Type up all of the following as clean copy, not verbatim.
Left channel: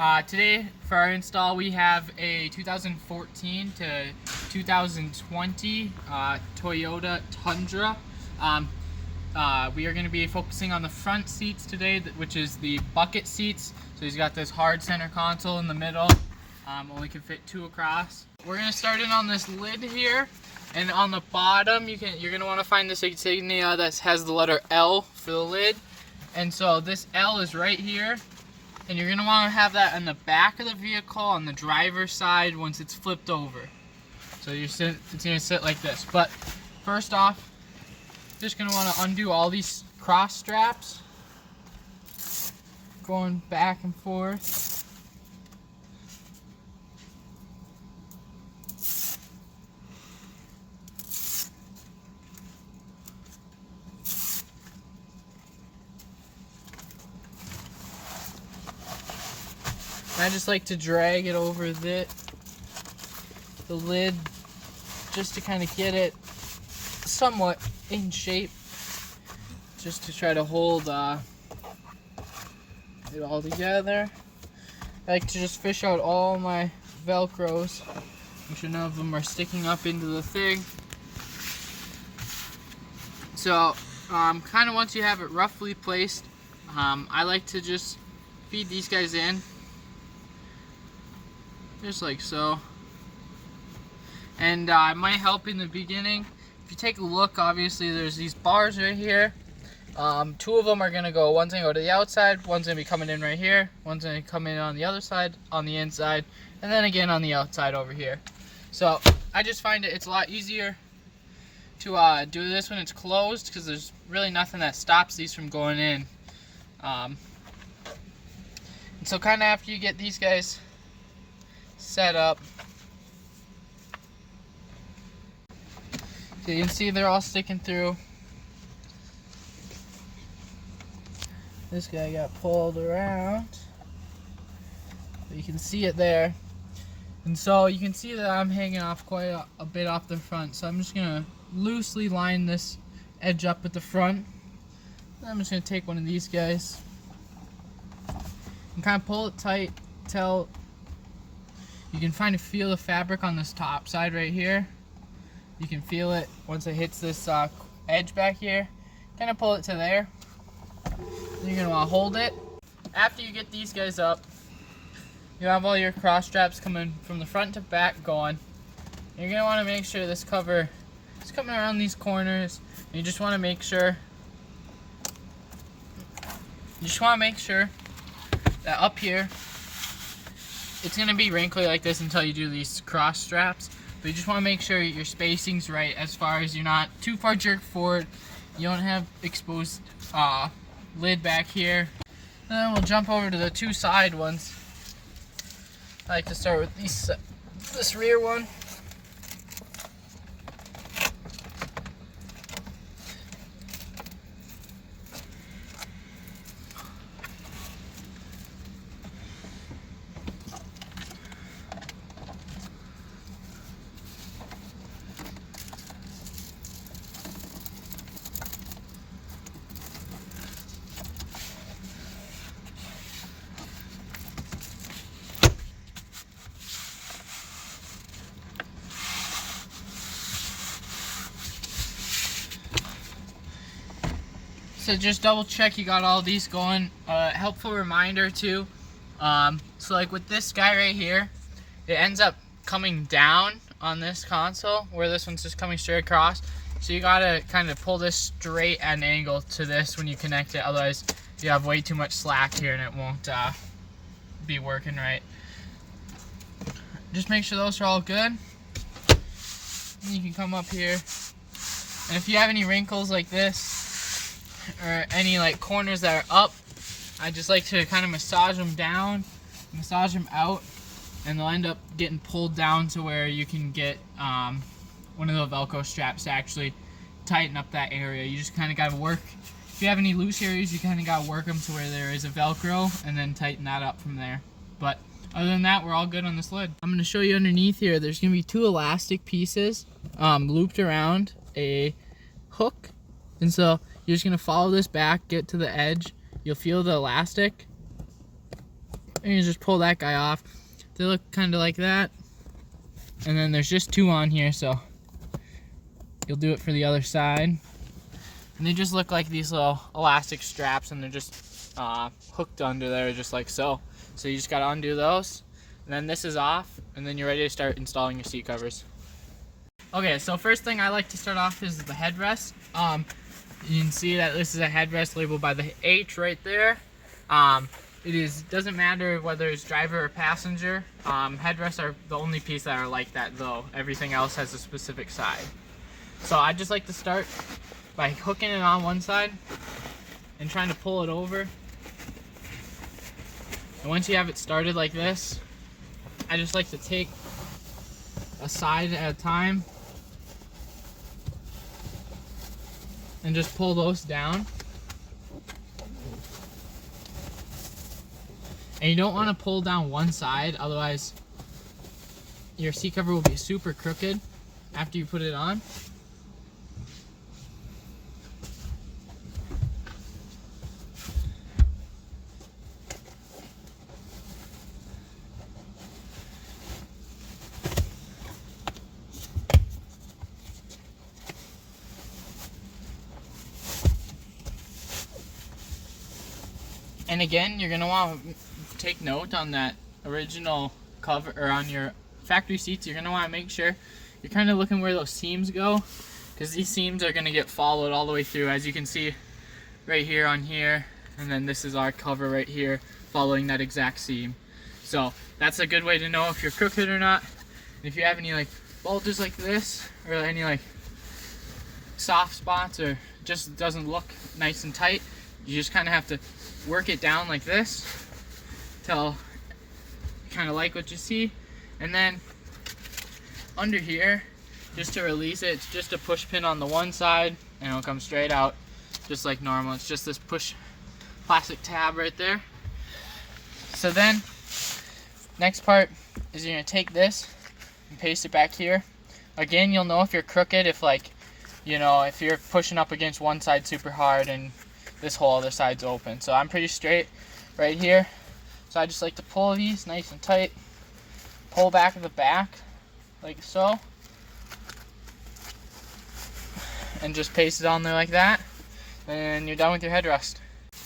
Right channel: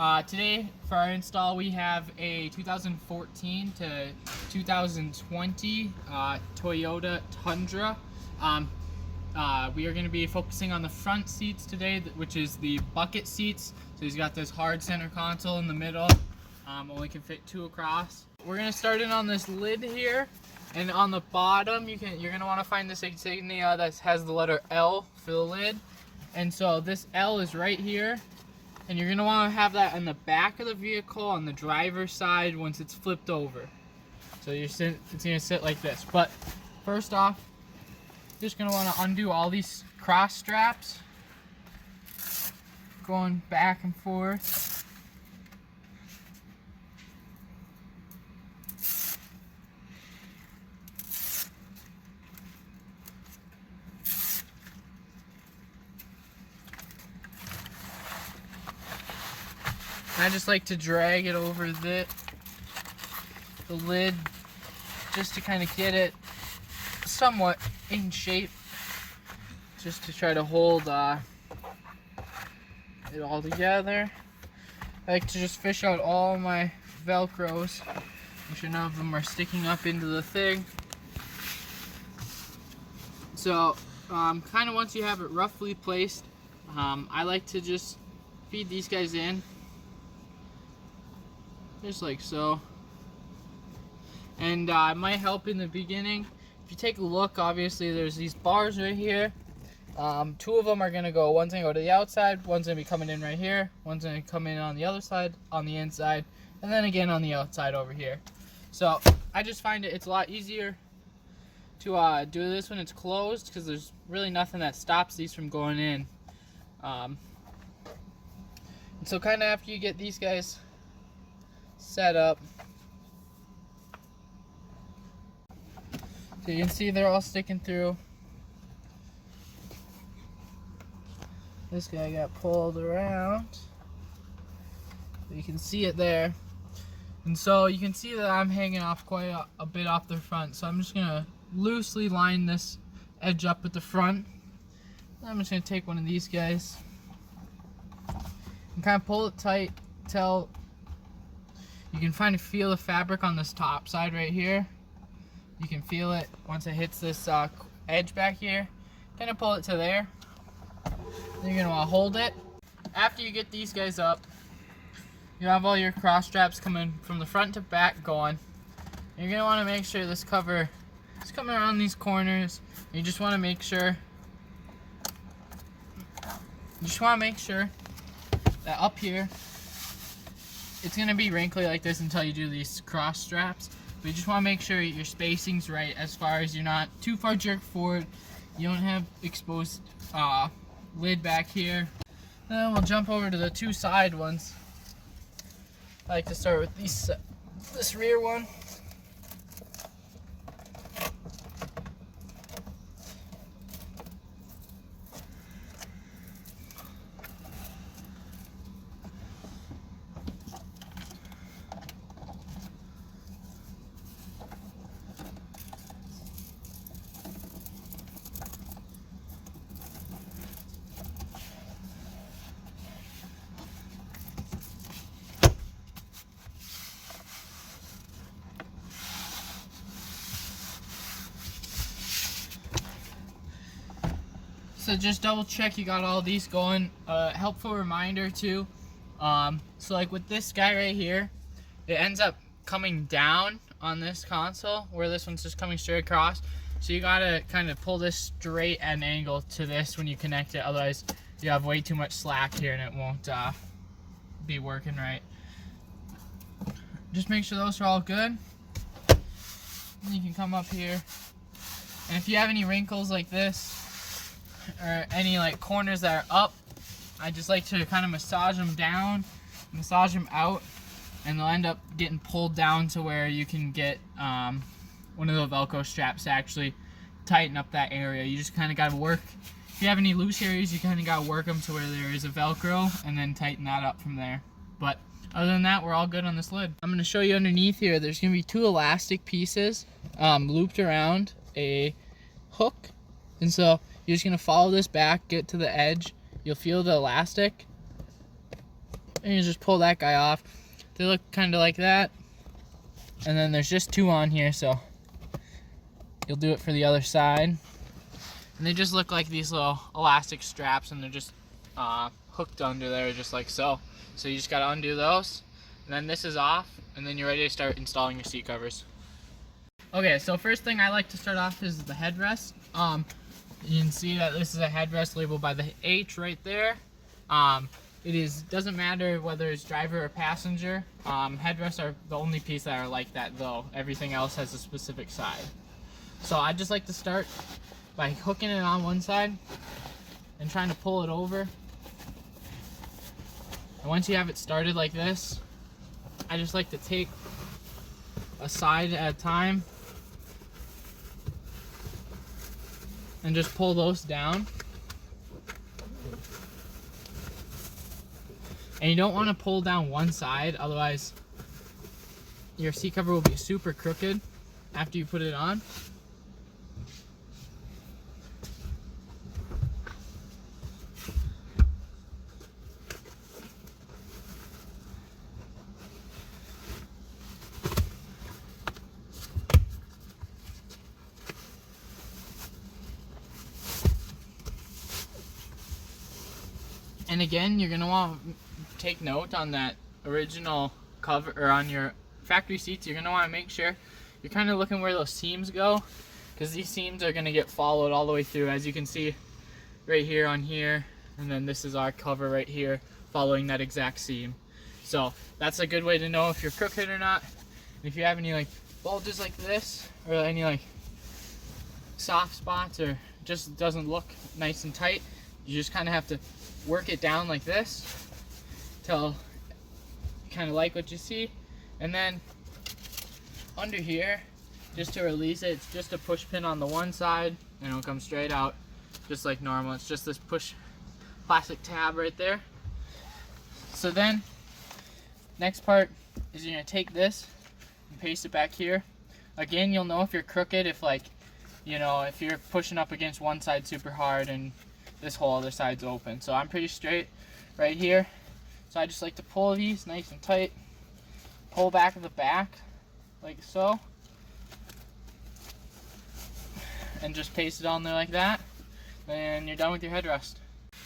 Today for our install we have a 2014 to 2020 Toyota Tundra. We are going to be focusing on the front seats today, which is the bucket seats. So he's got this hard center console in the middle, only can fit 2 across. We're going to start in on this lid here, and on the bottom you're going to want to find this insignia that has the letter L for the lid. And so this L is right here. And you're going to want to have that on the back of the vehicle on the driver's side once it's flipped over. So it's going to sit like this. But first off, just going to want to undo all these cross straps. Going back and forth. I just like to drag it over the lid just to kind of get it somewhat in shape, just to try to hold it all together. I like to just fish out all my Velcros, make sure none of them are sticking up into the thing. So kind of once you have it roughly placed, I like to just feed these guys in. Just like so. And it might help in the beginning. If you take a look, obviously there's these bars right here. 2 of them are going to go, one's going to go to the outside, one's going to be coming in right here, one's going to come in on the other side, on the inside, and then again on the outside over here. So I just find it's a lot easier to do this when it's closed, because there's really nothing that stops these from going in. And so kind of after you get these guys set up, so you can see they're all sticking through. This guy got pulled around, but you can see it there. And so you can see that I'm hanging off quite a bit off the front, so I'm just gonna loosely line this edge up at the front. And I'm just gonna take one of these guys and kind of pull it tight till you can feel the fabric on this top side right here. You can feel it once it hits this edge back here. Kind of pull it to there. Then you're going to want to hold it. After you get these guys up, you have all your cross straps coming from the front to back going. You're going to want to make sure this cover is coming around these corners. You just want to make sure that up here it's going to be wrinkly like this until you do these cross straps, but you just want to make sure your spacing's right as far as you're not too far jerked forward, you don't have exposed lid back here. And then we'll jump over to the 2 side ones. I like to start with this rear one. So just double check you got all these going. Helpful reminder too. So like with this guy right here, it ends up coming down on this console where this one's just coming straight across. So you gotta kind of pull this straight at an angle to this when you connect it. Otherwise you have way too much slack here and it won't be working right. Just make sure those are all good. And you can come up here. And if you have any wrinkles like this, or any like corners that are up, I just like to kind of massage them down, massage them out, and they'll end up getting pulled down to where you can get one of the Velcro straps to actually tighten up that area. You just kind of got to work, if you have any loose areas, you kind of got to work them to where there is a Velcro and then tighten that up from there. But other than that, we're all good on this lid. I'm going to show you underneath here, there's going to be 2 elastic pieces looped around a hook. And so you're just going to follow this back, get to the edge. You'll feel the elastic. And you just pull that guy off. They look kind of like that. And then there's just 2 on here, so you'll do it for the other side. And they just look like these little elastic straps, and they're just hooked under there just like so. So you just gotta undo those. And then this is off, and then you're ready to start installing your seat covers. Okay, so first thing I like to start off is the headrest. You can see that this is a headrest labeled by the H right there. Doesn't matter whether it's driver or passenger. Headrests are the only piece that are like that though. Everything else has a specific side. So I just like to start by hooking it on one side and trying to pull it over. And once you have it started like this, I just like to take a side at a time and just pull those down. And you don't want to pull down one side, otherwise your seat cover will be super crooked after you put it on. And again, you're going to want to take note on that original cover, or on your factory seats. You're going to want to make sure you're kind of looking where those seams go, because these seams are going to get followed all the way through, as you can see right here on here. And then this is our cover right here following that exact seam. So that's a good way to know if you're crooked or not. And if you have any like bulges like this, or any like soft spots, or just doesn't look nice and tight, you just kind of have to work it down like this till you kind of like what you see. And then under here, just to release it, it's just a push pin on the one side, and it'll come straight out just like normal. It's just this push plastic tab right there. So then next part is you're gonna take this and paste it back here. Again, you'll know if you're crooked if, like, you know, if you're pushing up against one side super hard and this whole other side's open. So I'm pretty straight right here. So I just like to pull these nice and tight, pull back at the back like so, and just paste it on there like that, and you're done with your headrest.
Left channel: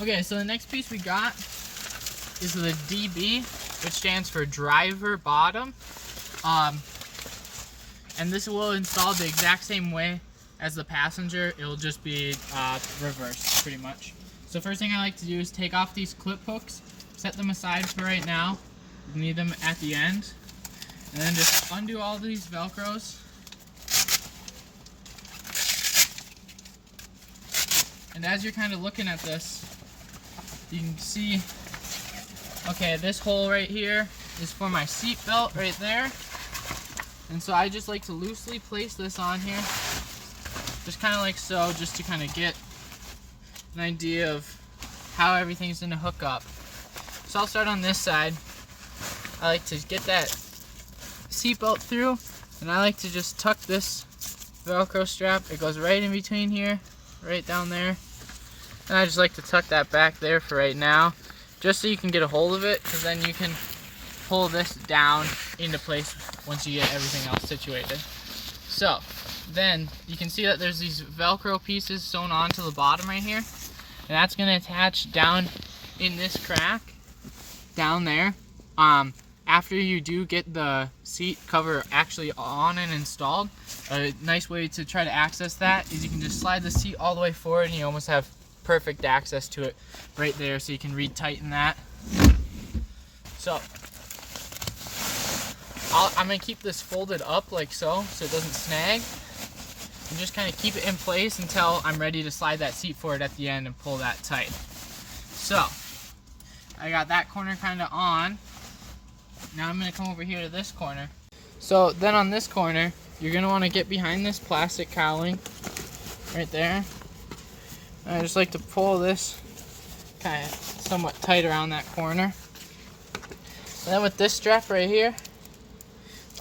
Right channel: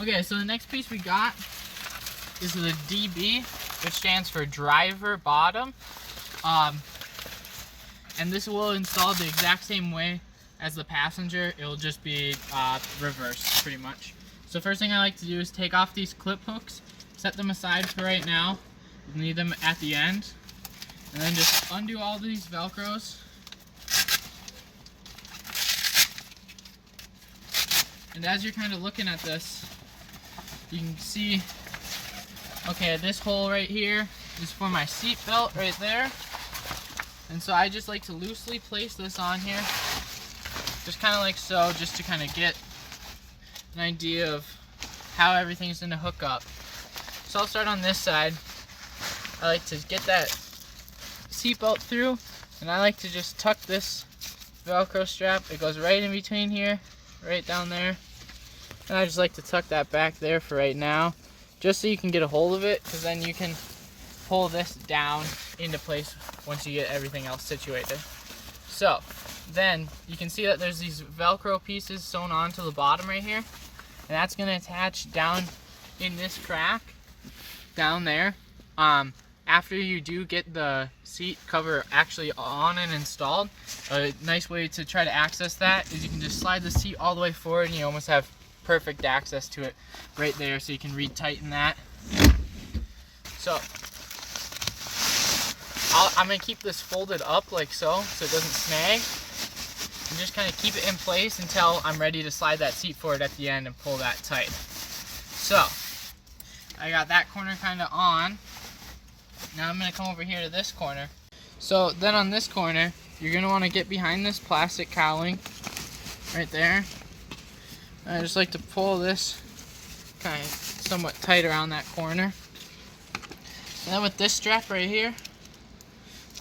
Okay, so the next piece we got is the DB, which stands for driver bottom. And this will install the exact same way as the passenger. It'll just be reversed pretty much. So first thing I like to do is take off these clip hooks, set them aside for right now. We need them at the end. And then just undo all these Velcros. And as you're kind of looking at this, you can see, okay, this hole right here is for my seat belt right there. And so I just like to loosely place this on here, just kind of like so, just to kind of get an idea of how everything's going to hook up. So I'll start on this side. I like to get that seatbelt through, and I like to just tuck this Velcro strap. It goes right in between here, right down there. And I just like to tuck that back there for right now, just so you can get a hold of it, because then you can pull this down into place once you get everything else situated. So then you can see that there's these Velcro pieces sewn onto the bottom right here, and that's going to attach down in this crack down there. After you do get the seat cover actually on and installed, a nice way to try to access that is you can just slide the seat all the way forward, and you almost have perfect access to it right there, so you can retighten that. So I'm going to keep this folded up like so it doesn't snag, and just kind of keep it in place until I'm ready to slide that seat forward at the end and pull that tight. So I got that corner kind of on. Now I'm going to come over here to this corner. So then on this corner, you're going to want to get behind this plastic cowling right there. And I just like to pull this kind of somewhat tight around that corner. And then with this strap right here,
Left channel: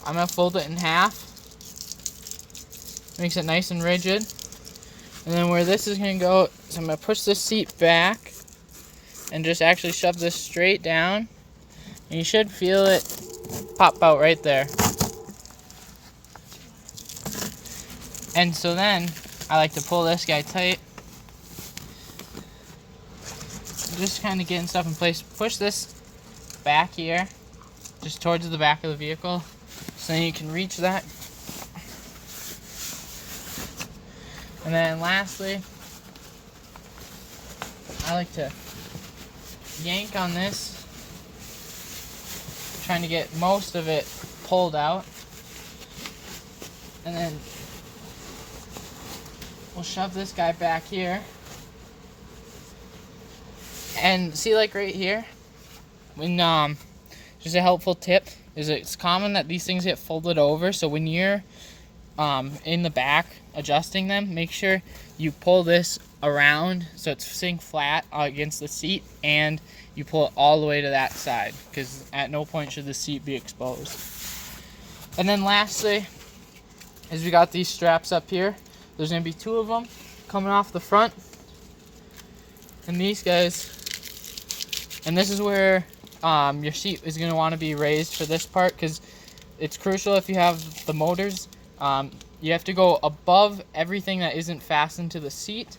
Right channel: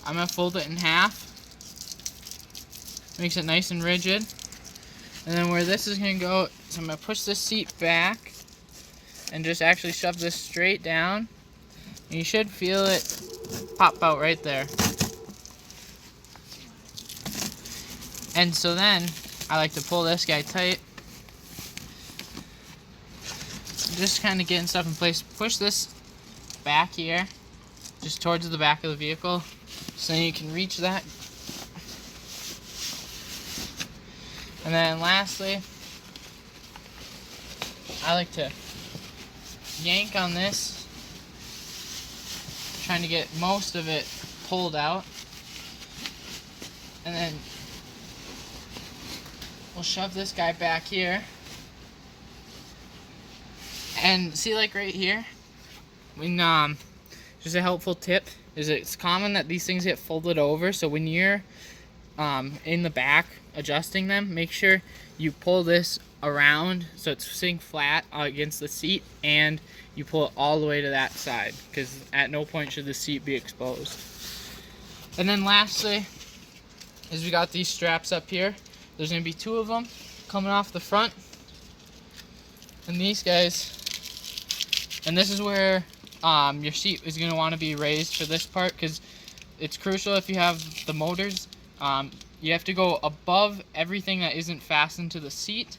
I'm going to fold it in half. Makes it nice and rigid. And then where this is going to go is I'm going to push this seat back and just actually shove this straight down. And you should feel it pop out right there. And so then I like to pull this guy tight. Just kind of getting stuff in place. Push this back here, just towards the back of the vehicle, so you can reach that. And then lastly, I like to yank on this, trying to get most of it pulled out. And then we'll shove this guy back here. And see, like right here, when just a helpful tip is it's common that these things get folded over. So when you're in the back adjusting them, make sure you pull this around so it's sitting flat against the seat, and you pull it all the way to that side, because at no point should the seat be exposed. And then lastly is we got these straps up here. There's going to be 2 of them coming off the front, and these guys, and this is where your seat is going to want to be raised for this part, because it's crucial if you have the motors. You have to go above everything that isn't fastened to the seat.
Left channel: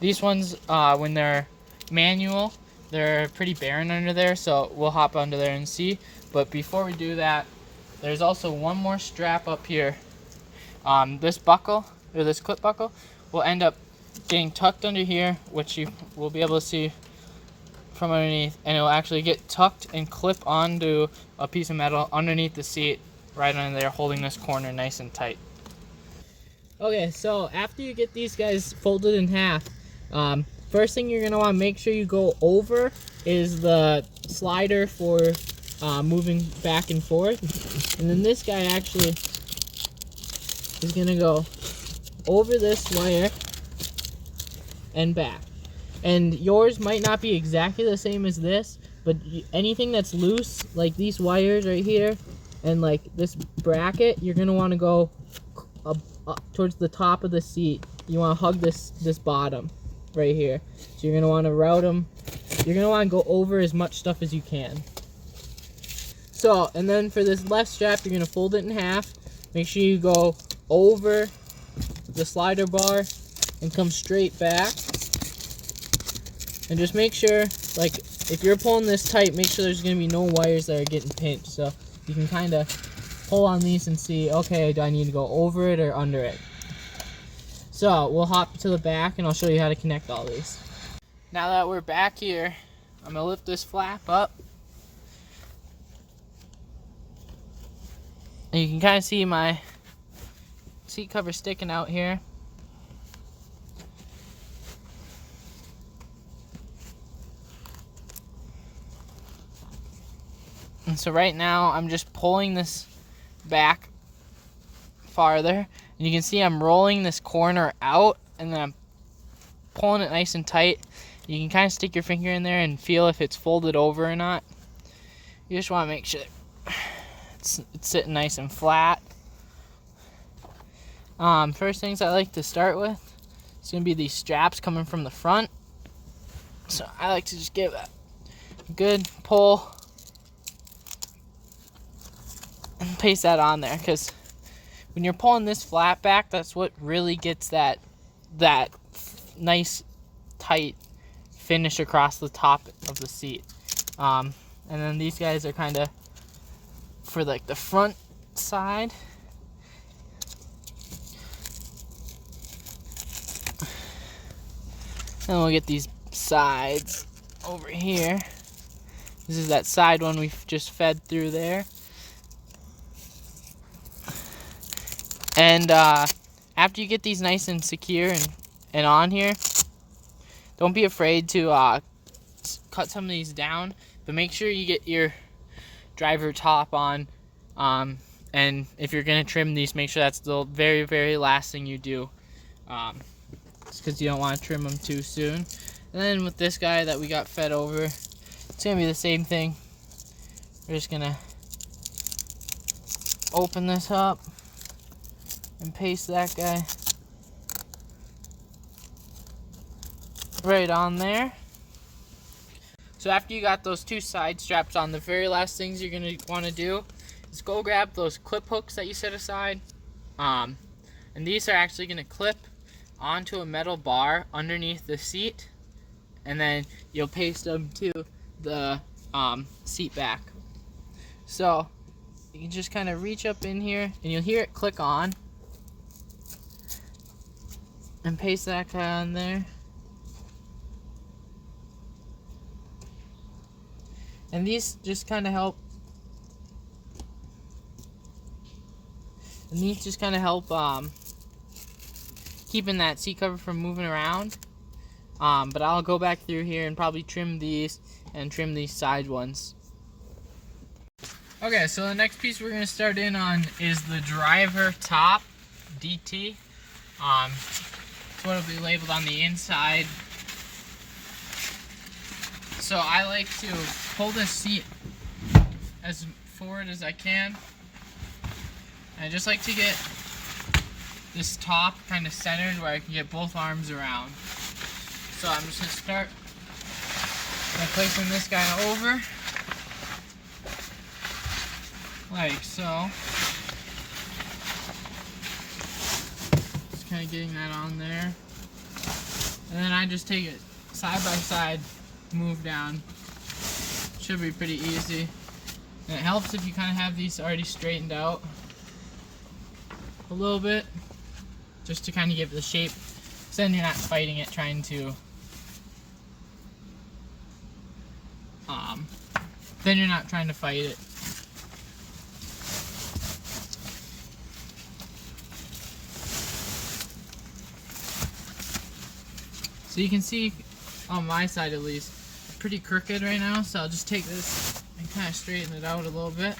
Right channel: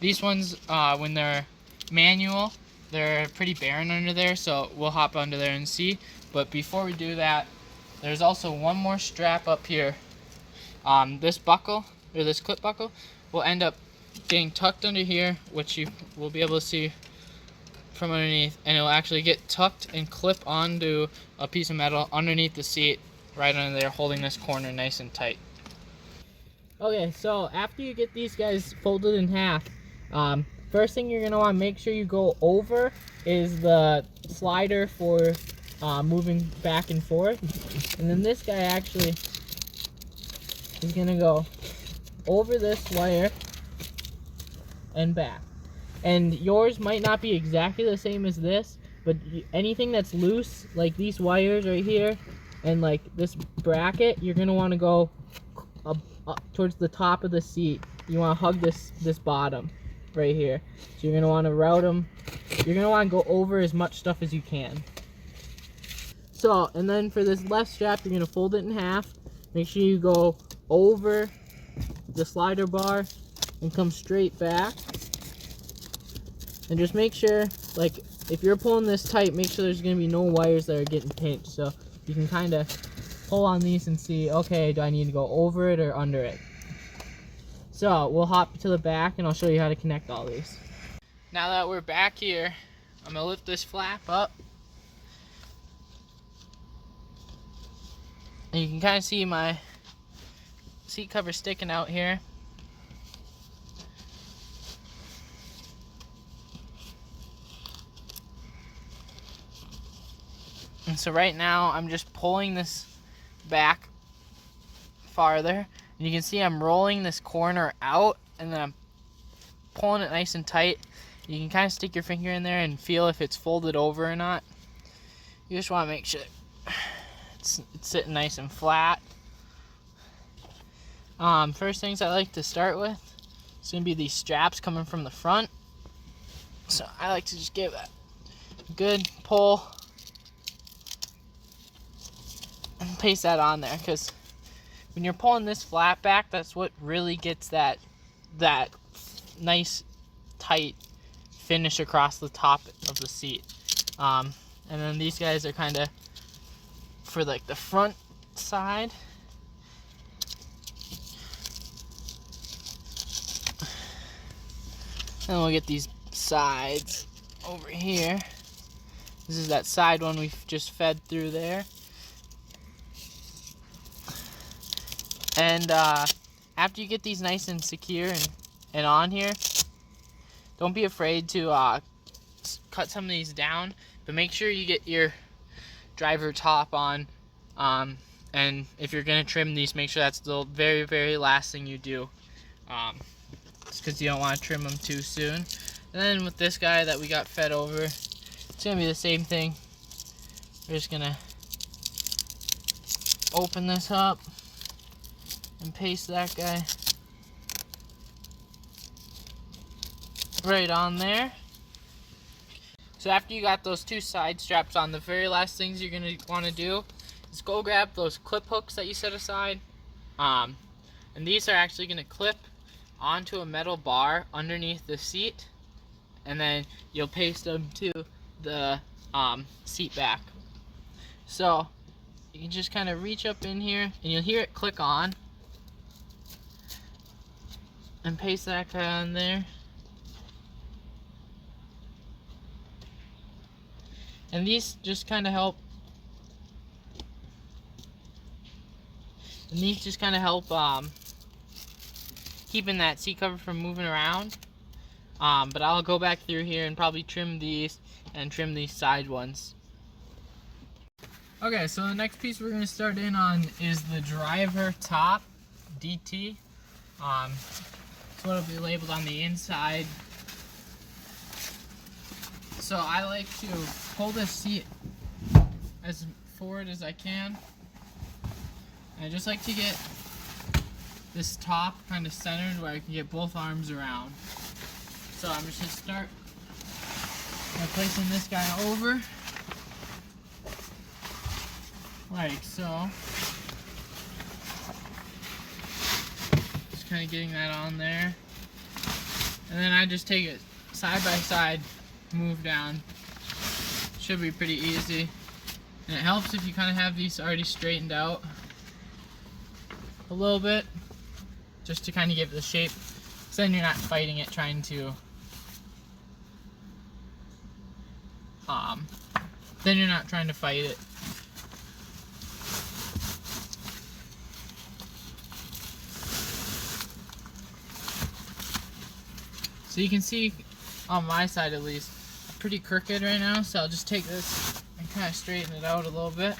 These ones, when they're manual, they're pretty barren under there, so we'll hop under there and see. But before we do that, there's also one more strap up here. This buckle, or this clip buckle, will end up getting tucked under here, which you will be able to see from underneath, and it will actually get tucked and clip onto a piece of metal underneath the seat, right under there, holding this corner nice and tight. Okay, so after you get these guys folded in half, first thing you're going to want to make sure you go over is the slider for moving back and forth. And then this guy actually is going to go over this wire and back. And yours might not be exactly the same as this, but anything that's loose, like these wires right here, and like this bracket, you're going to want to go up towards the top of the seat. You want to hug this bottom right here. So you're going to want to route them. You're going to want to go over as much stuff as you can. So, and then for this left strap, you're going to fold it in half. Make sure you go over the slider bar and come straight back. And just make sure, like, if you're pulling this tight, make sure there's going to be no wires that are getting pinched. So you can kind of pull on these and see, okay, do I need to go over it or under it? So we'll hop to the back and I'll show you how to connect all these. Now that we're back here, I'm going to lift this flap up. And you can kind of see my seat cover sticking out here. And so right now I'm just pulling this back farther, and you can see I'm rolling this corner out, and then I'm pulling it nice and tight. You can kind of stick your finger in there and feel if it's folded over or not. You just want to make sure it's sitting nice and flat. First things I like to start with is going to be these straps coming from the front. So I like to just give that a good pull and paste that on there, because when you're pulling this flat back, that's what really gets that nice tight finish across the top of the seat. And then these guys are kind of for like the front side. Then we'll get these sides over here. This is that side one we've just fed through there. And after you get these nice and secure and on here, don't be afraid to cut some of these down, but make sure you get your driver top on. And if you're going to trim these, make sure that's the very, very last thing you do, just because you don't want to trim them too soon. And then with this guy that we got fed over, it's going to be the same thing. We're just going to open this up and paste that guy right on there. So after you got those two side straps on, the very last things you're going to want to do is go grab those clip hooks that you set aside. And these are actually going to clip onto a metal bar underneath the seat, and then you'll paste them to the seat back. So you can just kind of reach up in here and you'll hear it click on, and paste that guy on there. And these just kind of help. Keeping that seat cover from moving around. But I'll go back through here and probably trim these and trim these side ones. Okay, so the next piece we're going to start in on is the driver top DT. It's what will be labeled on the inside. So I like to pull this seat as forward as I can. And I just like to get this top kind of centered where I can get both arms around. So I'm just going to start by placing this guy over, like so. Just kind of getting that on there. And then I just take it side by side, move down. Should be pretty easy. And it helps if you kind of have these already straightened out a little bit, just to kind of give it the shape, so then you're not fighting it trying to fight it. So you can see on my side at least, pretty crooked right now, so I'll just take this and kind of straighten it out a little bit.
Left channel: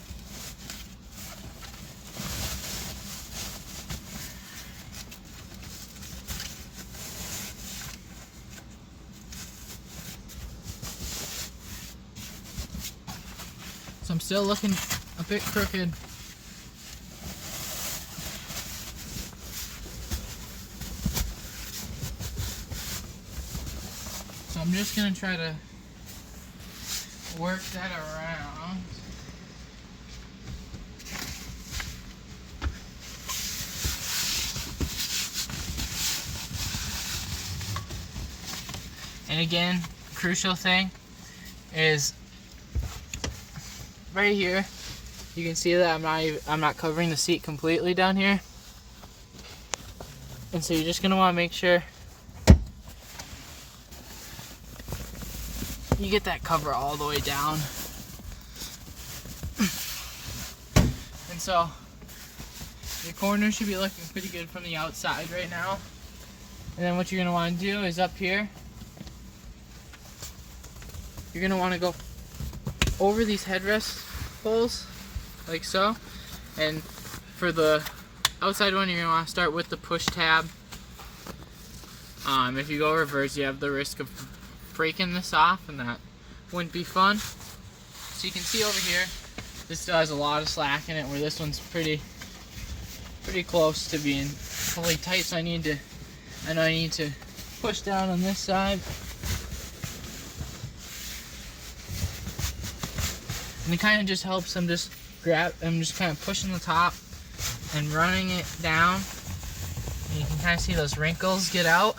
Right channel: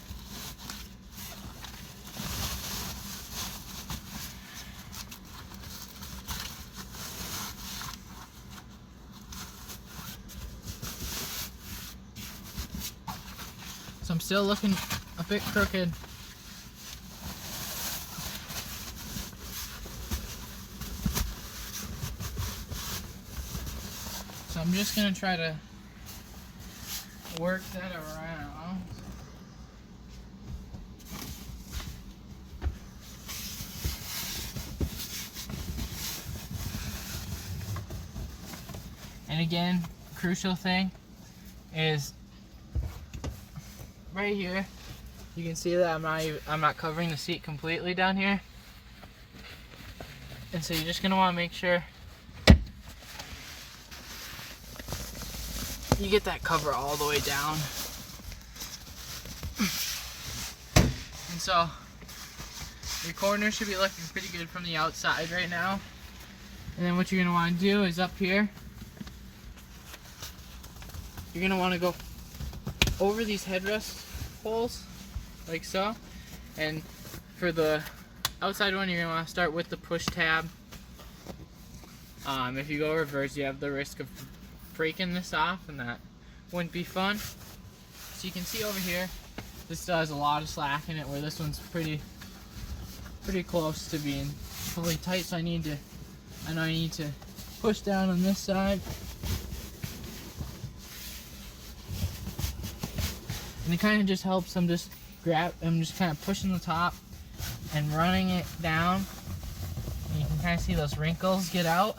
So I'm still looking a bit crooked. So I'm just going to try to work that around. And again, crucial thing is right here. You can see that I'm not covering the seat completely down here. And so you're just going to want to make sure you get that cover all the way down. And so your corner should be looking pretty good from the outside right now. And then what you're going to want to do is up here, you're going to want to go over these headrest holes like so. And for the outside one, you're going to want to start with the push tab. If you go reverse, you have the risk of breaking this off, and that wouldn't be fun. So you can see over here, this still has a lot of slack in it, where this one's pretty close to being fully tight. So I know I need to push down on this side. And it kind of just helps. I'm just kind of pushing the top and running it down. And you can kind of see those wrinkles get out.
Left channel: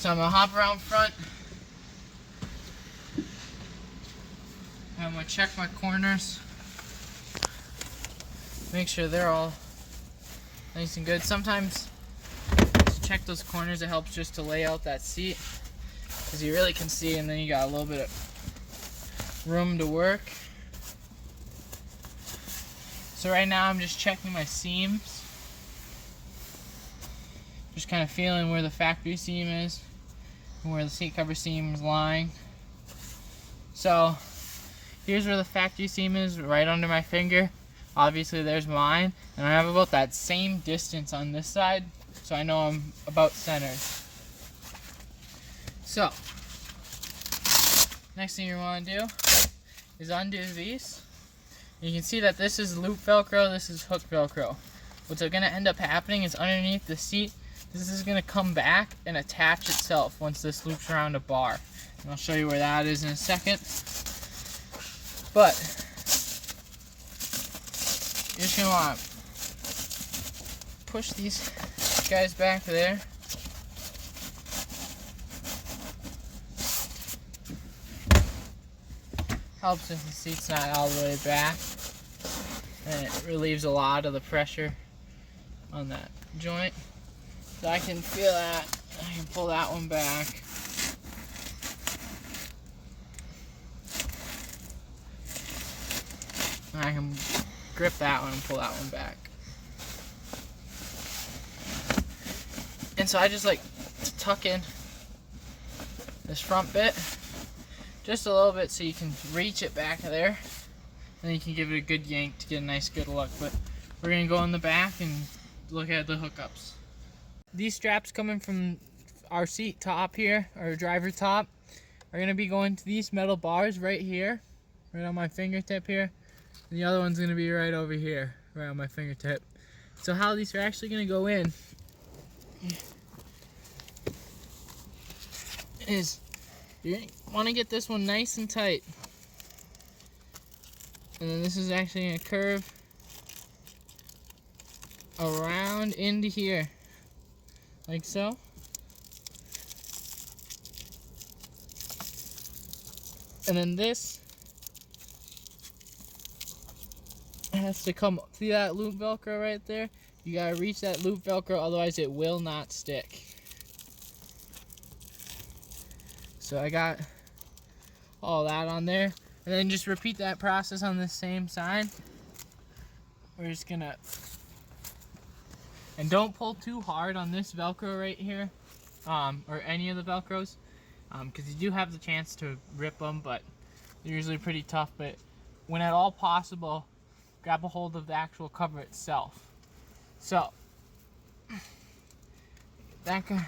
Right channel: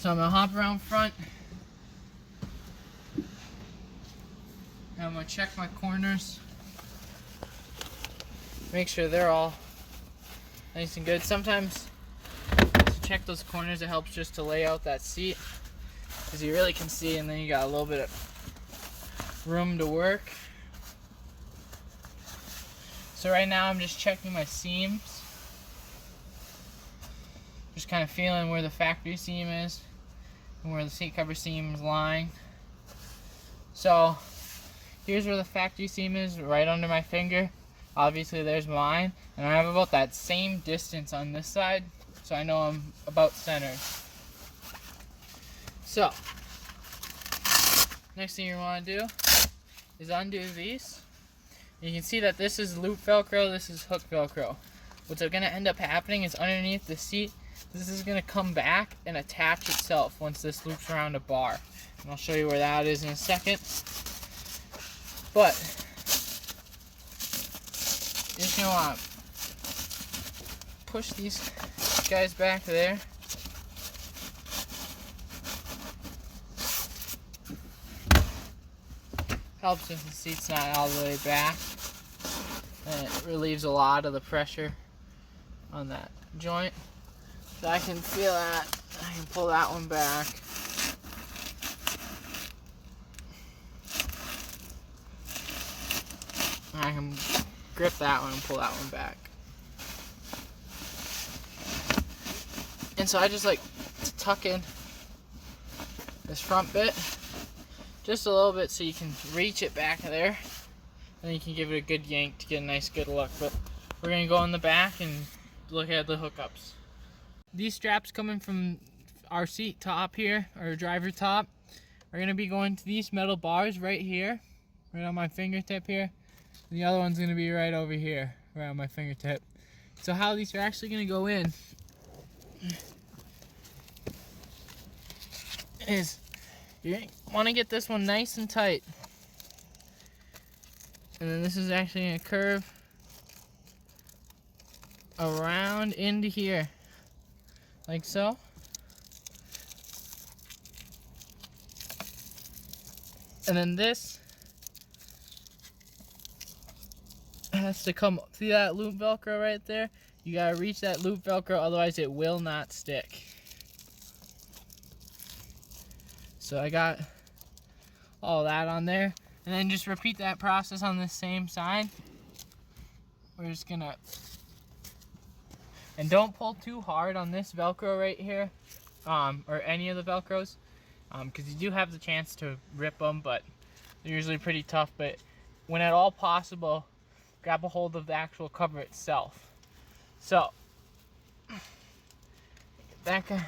So I'm going to hop around front. And I'm going to check my corners. Make sure they're all nice and good. Sometimes to check those corners, it helps just to lay out that seat, because you really can see, and then you got a little bit of room to work. So right now I'm just checking my seams. Just kind of feeling where the factory seam is and where the seat cover seam is lying. So here's where the factory seam is, right under my finger. Obviously there's mine, and I have about that same distance on this side, so I know I'm about centered. So next thing you want to do is undo these. You can see that this is loop Velcro, this is hook Velcro. What's going to end up happening is underneath the seat, this is gonna come back and attach itself once this loops around a bar. And I'll show you where that is in a second. But you're just gonna want to push these guys back there. Helps if the seat's not all the way back, and it relieves a lot of the pressure on that joint. So I can feel that. I can pull that one back. I can grip that one and pull that one back. And so I just like to tuck in this front bit just a little bit so you can reach it back there. And you can give it a good yank to get a nice good look. But we're going to go in the back and look at the hookups. These straps coming from our seat top here, our driver top, are going to be going to these metal bars right here, right on my fingertip here. And the other one's going to be right over here, right on my fingertip. So how these are actually going to go in is you want to get this one nice and tight. And then this is actually going to curve around into here, like so. And then this has to come, see that loop Velcro right there? You gotta reach that loop Velcro, otherwise it will not stick. So I got all that on there. And then just repeat that process on the same side. We're just gonna, and don't pull too hard on this Velcro right here, or any of the Velcros, because you do have the chance to rip them, but they're usually pretty tough. But when at all possible, grab a hold of the actual cover itself. So, that goes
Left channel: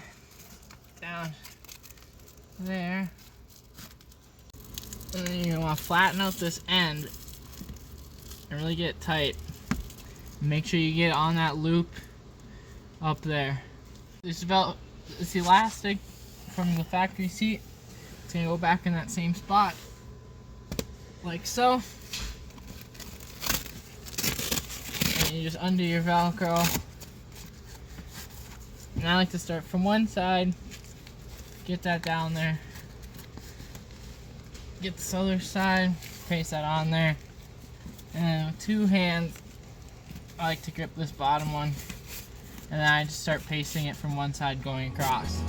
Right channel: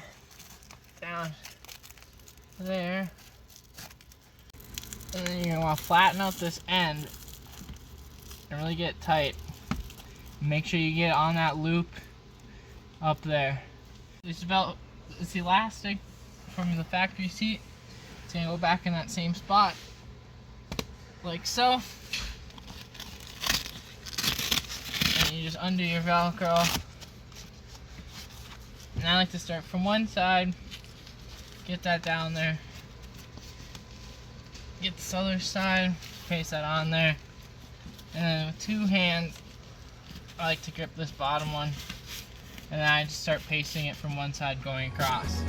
down there. And then you're going to want to flatten out this end and really get it tight. Make sure you get on that loop up there. This elastic from the factory seat, it's going to go back in that same spot, like so. And you just undo your Velcro. And I like to start from one side, get that down there. Get this other side, paste that on there, and then with two hands I like to grip this bottom one, and then I just start pasting it from one side going across.